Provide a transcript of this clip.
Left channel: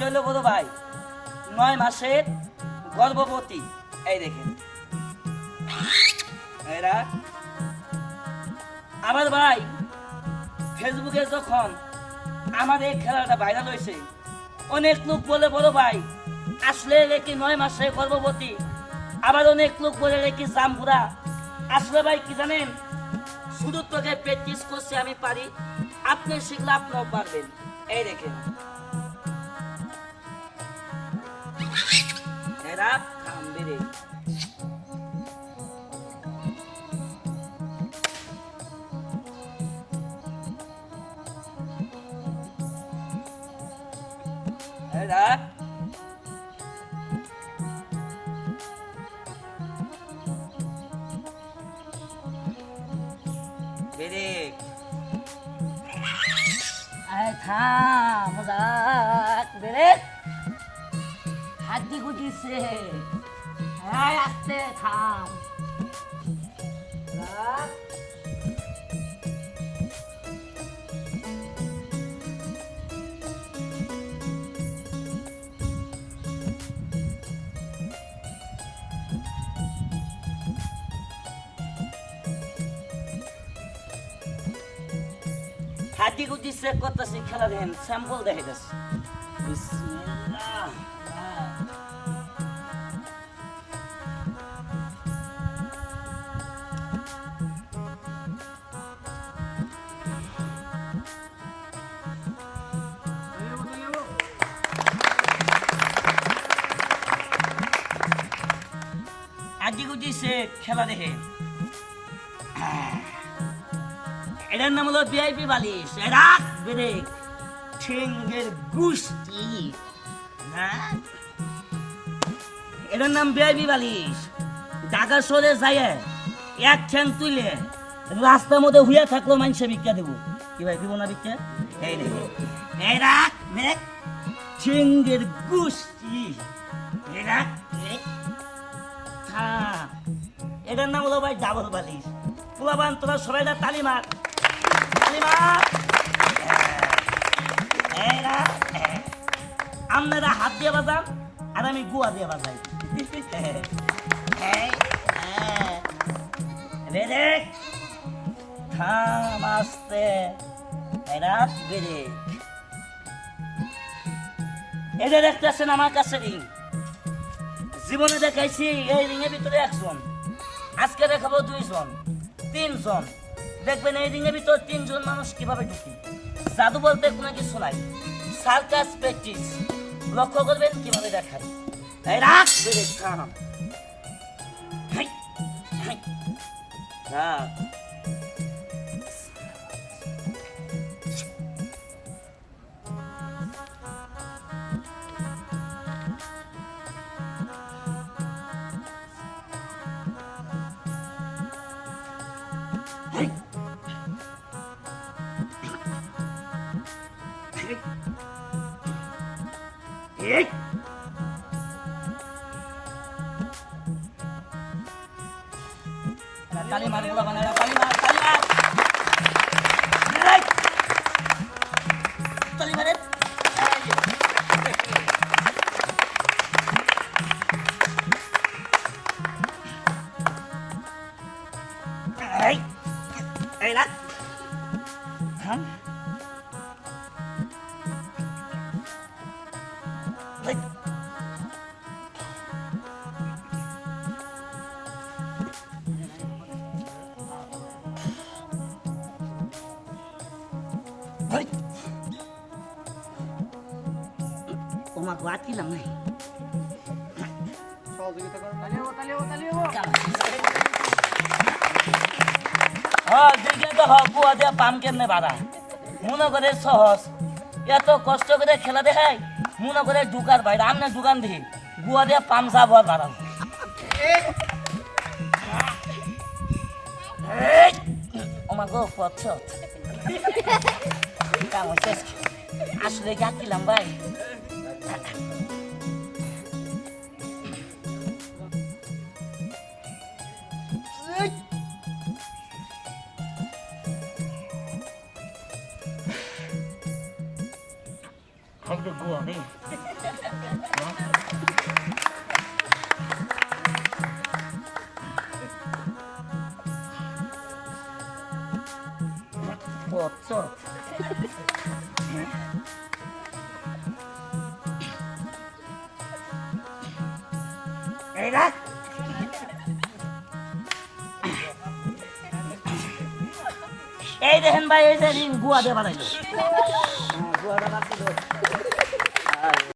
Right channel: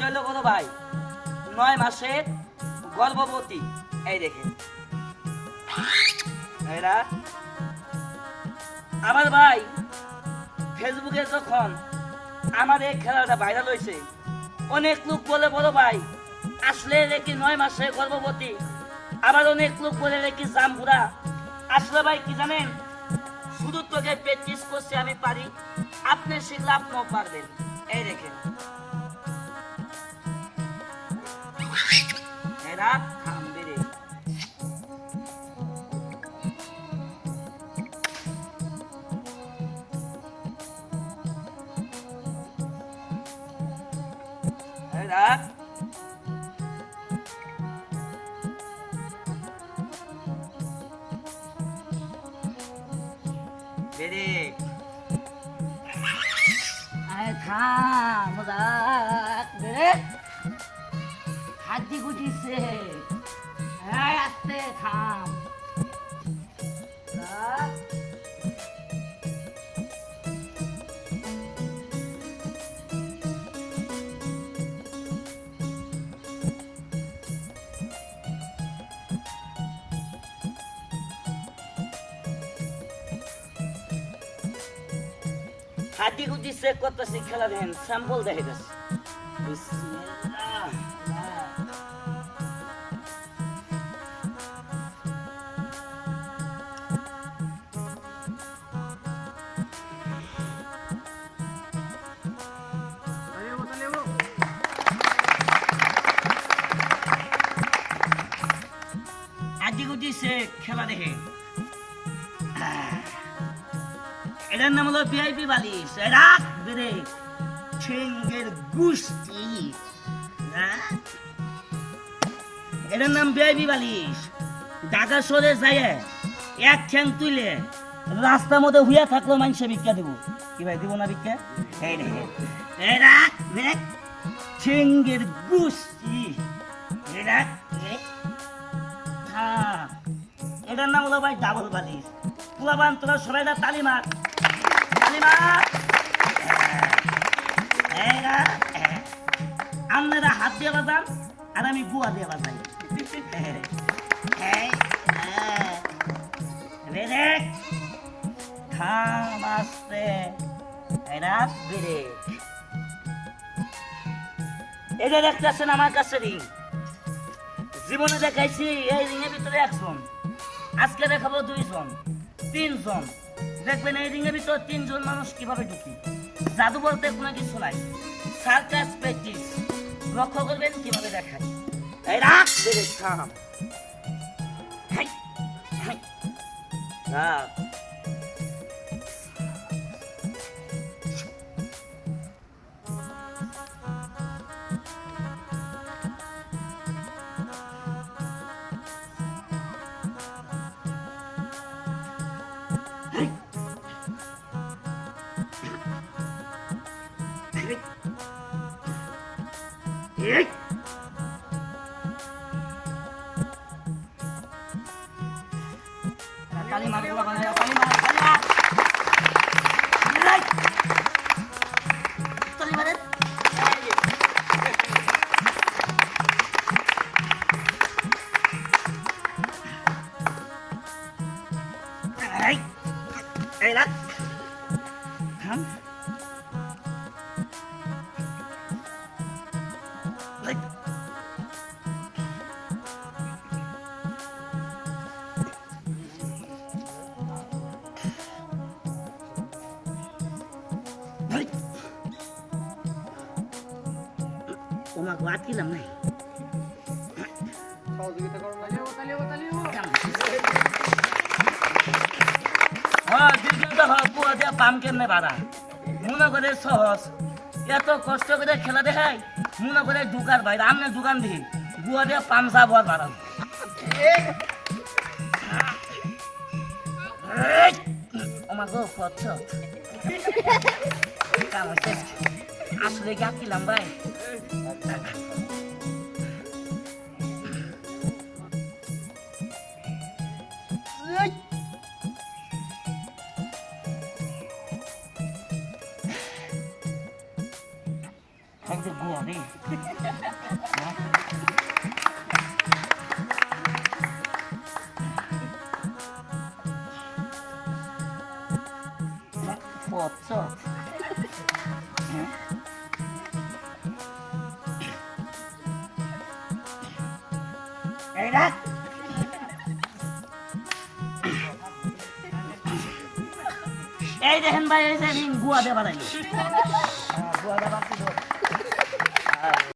এটা হলো বড় ভাই? নয় মাসের গর্ভবতী। এই দেখেন। আমার ভাই ফেসবুকে যখন আমার এই খেলাটা ভাইরাল হয়েছে, অনেক লোক বলে, বড় ভাই, আসলে রেখে নয় মাসে গর্ভবতী? আবার অনেক লোক বলে রেখে জামপুরা আসলে ভাই, কি জানেন? শুধু তোকে প্র্যাকটিস করছি, আমি পারি। আপনি শিখলে আপনিও পারবেন। এই দেখেন। এরা থামবে রে। এরা বেরে আয় থাম রাখ হাড্ডি গুটিছে হ্যাঁ আসতে থাম। হাড্ডি গুটি চেক করতেছি খেলা দেখেন স্যাম্পল দেখে গেছে। গুটি সে খেলা দেখে। এটার নাম হলো ভিআইপি বালিশ। রাখ ব্রেক ঠেঙ্গের গুষ্টি এটার নাম ভিআইপি বালিশ। ঢাকা শহরে যায় এক ঠ্যাং তুলে রাস্তার মধ্যে হুইয়া থাকল মানুষে ভিক্ষা দেবো। কি ভাই, দিব না ভিক্ষা? এই রে এই রাখ ব্রেক ঠেঙ্গের গুষ্টি, এই রাখ এটার নাম হলো ভাই ডাবল বালিশ। পোলাবান, তোরা সবাই না তালি আপনারা হাত দিয়ে বাজান, আর আমি গুয়া দিয়ে বাজাই। রেডে থাম আস্তে। এরা বেড়ে। জীবনে দেখাইছি, এই রিংয়ের ভিতরে একজন। আজকে দেখাবো দুইজন, তিনজন। দেখবেন এই রিংয়ের ভিতরে তিনজন মানুষ কীভাবে ঢুকি? জাদু বলতে কোনো কিছু নাই। সার্কাস প্র্যাকটিস লক্ষ্য করবেন কীভাবে দেখায়। এই রাখ বেড়ে থাম হ্যাঁ। Yes. Tali mali uga banana tali mali tali mali. Right. Tali mali. Hey. Hey, lad. Huh? তোমাকে আটকিলাম নাই হ্যাঁ দিকে তো হক বুয়া দিয়ে পাম কেমনে বাড়া মনে করে সহজ। এত কষ্ট করে খেলা দেখাই, মনে করে ঢুকার বাইরে, আমনে দোকান দিই বুয়া দিয়ে পাম সাপ আর বাড়াম আমার গো পথ কাম হচ্ছে আসলে গাছিলাম ভাই এই যে গুয়া রে পথ এই রাখ এই দেখেন ভাই এই যে রিং গুয়া দেবার গুয়া দেবার